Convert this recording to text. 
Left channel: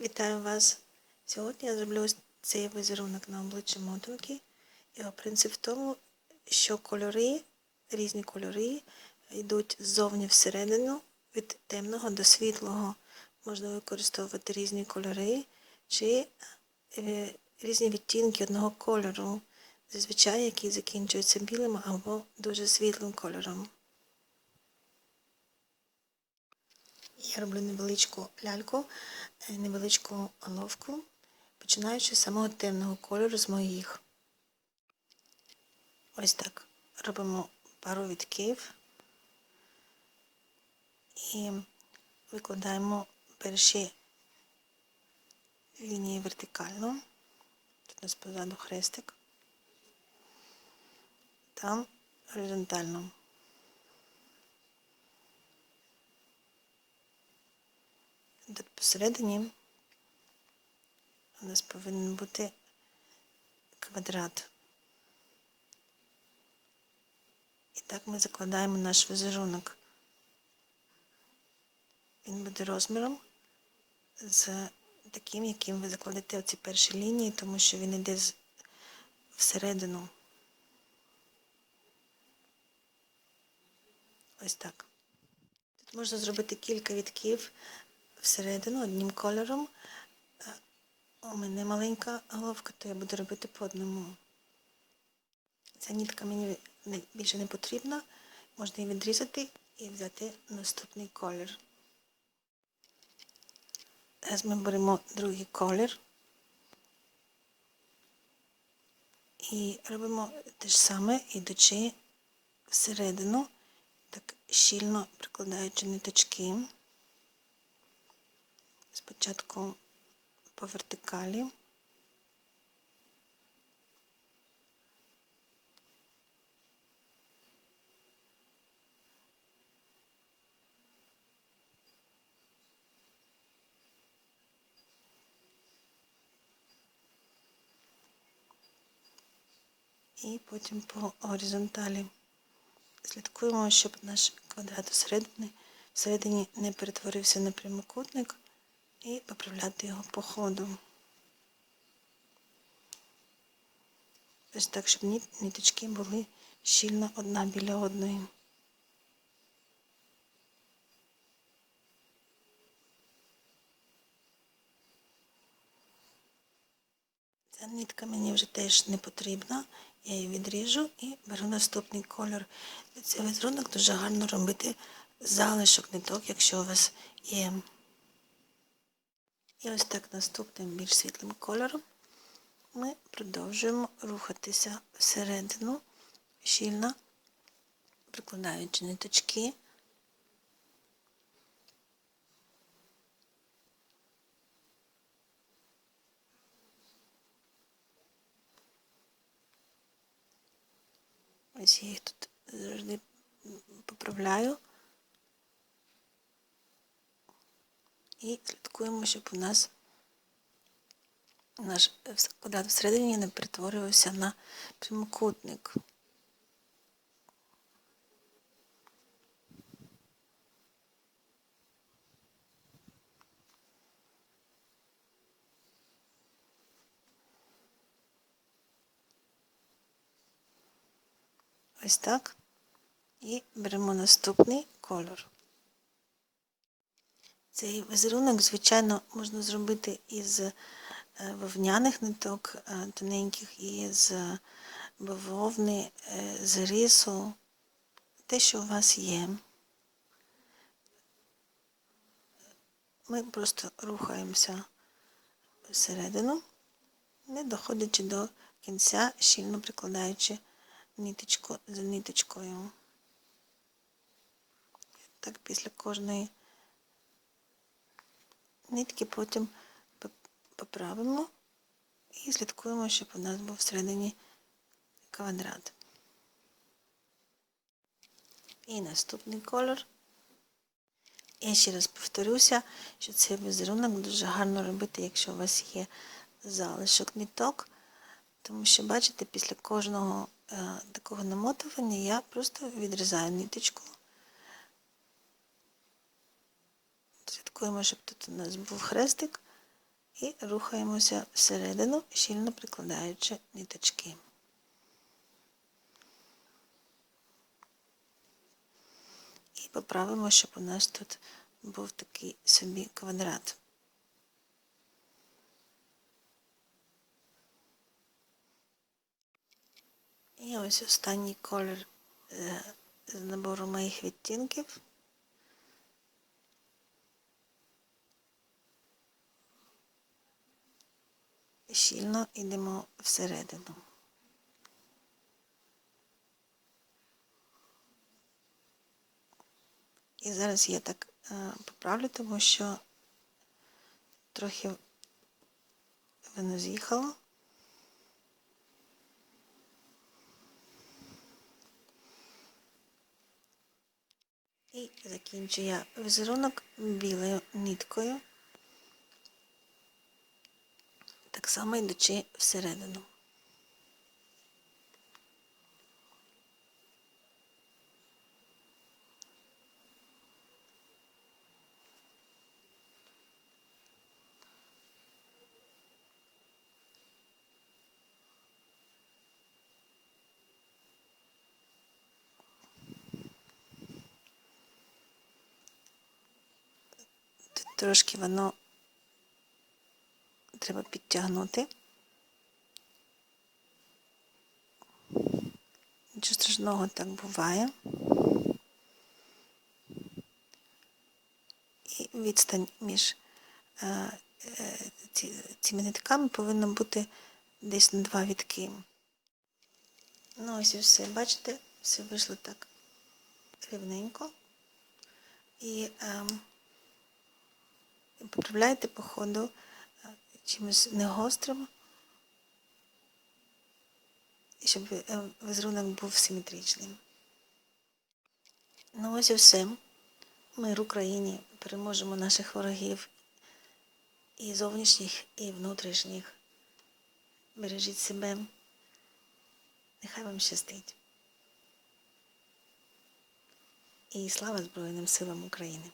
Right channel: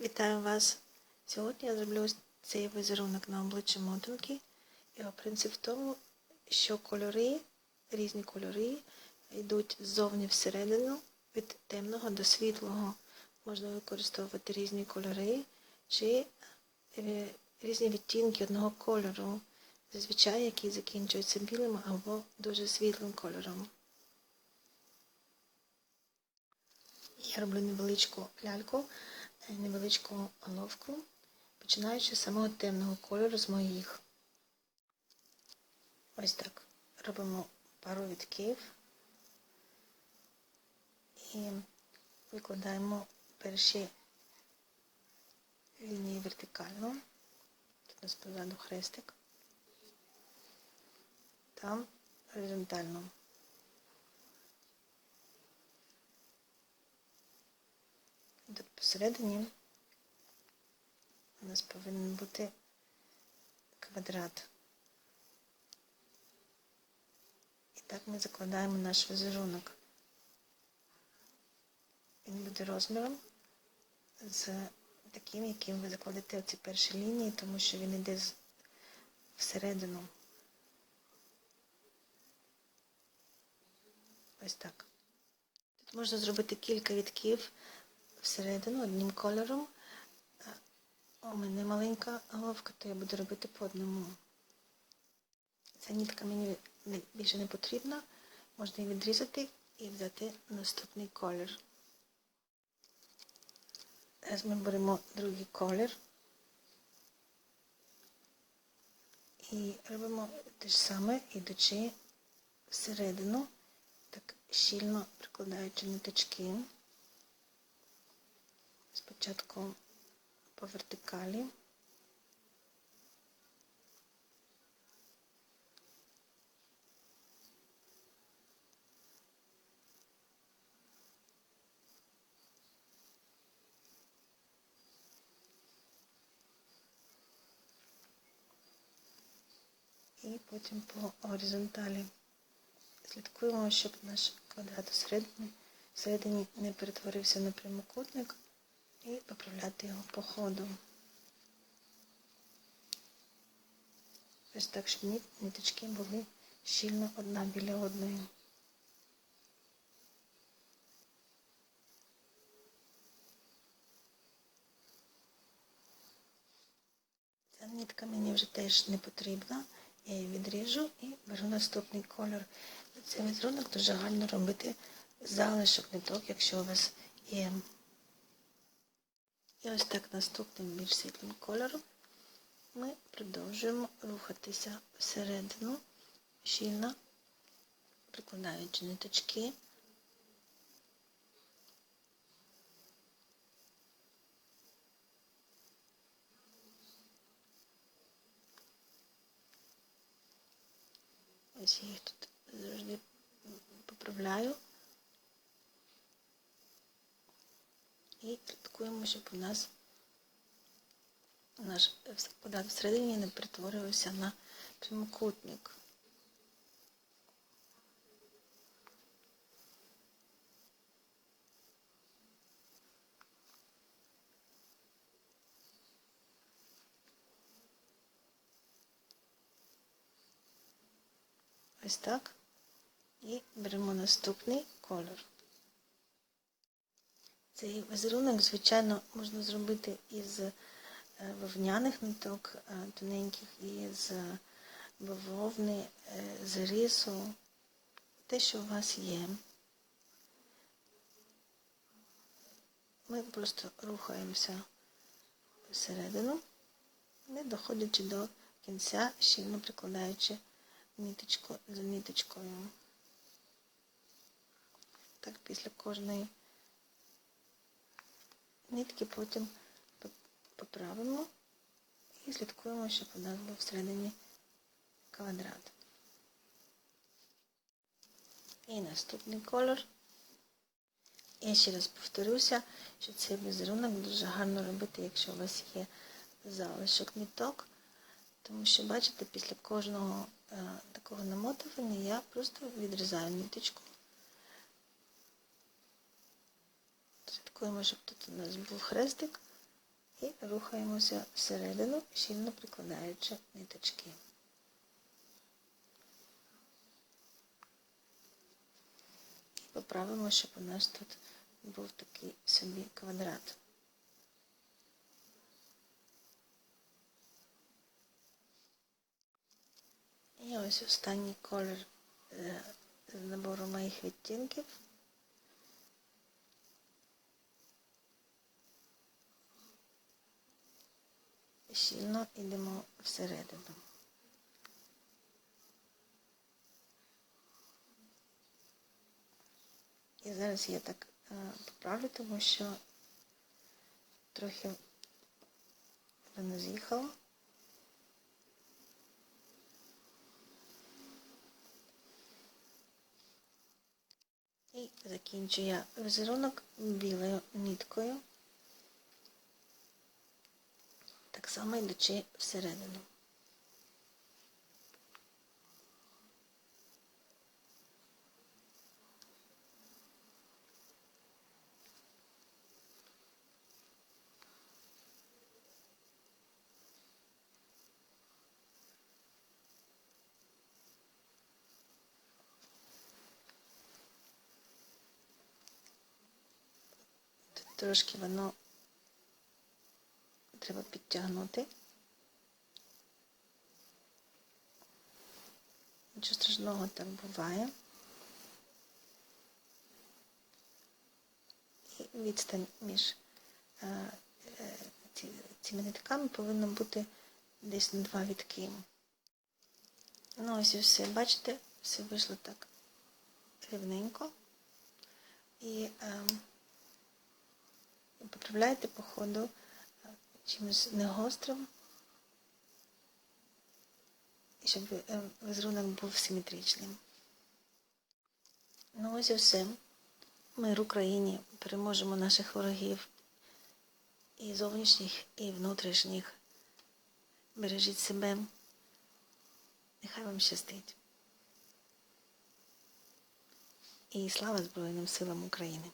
Вітаю вас! Сьогодні я зроблю цей візерунок на обличчі мотанки. Його принцип в тому, що кольори, різні кольори йдуть ззовні всередину від темного до світлого. Можна використовувати різні кольори чи е, різні відтінки одного кольору, зазвичай які закінчуються білим або дуже світлим кольором. Я роблю невеличку ляльку, е, невеличку головку, починаючи з самого темного кольору з моїх. Ось так. Робимо пару відків і викладаємо перші лінії вертикально. Тут у нас позаду хрестик. Там горизонтально. Тут посередині у нас повинен бути квадрат. І так ми закладаємо наш візерунок. Він буде розміром з таким, яким ви закладете оці перші лінії, тому що він йде всередину. Ось так. Тут можна зробити кілька відків всередину одним кольором. У мене маленька головка, то я буду робити по одному. Ця нітка мені більше не потрібна. Можна її відрізати і взяти наступний колір. Зараз ми беремо другий колір і робимо те ж саме, ідучи всередину, так щільно прикладаючи ниточки. Спочатку по вертикалі. І потім по горизонталі слідкуємо, щоб наш квадрат всередині, не перетворився на прямокутник і поправляти його по ходу. Ось так, щоб ниточки були щільно одна біля одної. Ця нитка мені вже теж не потрібна. Я її відріжу і беру наступний кольор. Цей візерунок дуже гарно робити залишок ниток, якщо у вас є. І ось так наступним більш світлим кольором ми продовжуємо рухатися всередину, щільно, прикладаючи ниточки. Ось я їх тут завжди поправляю. І слідкуємо, щоб у нас наш квадрат всередині не перетворювався на прямокутник. Ось так. І беремо наступний кольор. Цей візерунок, звичайно, можна зробити із вовняних ниток тоненьких, із бавовни, з рису, те, що у вас є. Ми просто рухаємося всередину, не доходячи до кінця, щільно прикладаючи ниточку за ниточкою. Так після кожної нитки потім поправимо і слідкуємо, щоб у нас був всередині квадрат. І наступний колор. Я ще раз повторюся, що цей візерунок дуже гарно робити, якщо у вас є залишок ниток, тому що, бачите, після кожного е, такого намотування я просто відрізаю ниточку. Слідкуємо, щоб тут у нас був хрестик, і рухаємося всередину, щільно прикладаючи ниточки. І поправимо, щоб у нас тут був такий собі квадрат. І ось останній колір е, з набору моїх відтінків. Щільно йдемо всередину. І зараз я так е, поправлю, тому що трохи воно з'їхало. І закінчую я візерунок білою ниткою, так само йдучи всередину. Трошки воно треба підтягнути. Нічого страшного так буває. І відстань між е, е, цими нитками повинна бути десь на два відки. Ну ось і все, бачите, все вийшло так рівненько. І ем, поправляйте по ходу чимось негострим, щоб е, візерунок був симетричним. Ну ось і все. Мир Україні переможемо наших ворогів і зовнішніх, і внутрішніх. Бережіть себе. Нехай вам щастить. І слава Збройним силам України!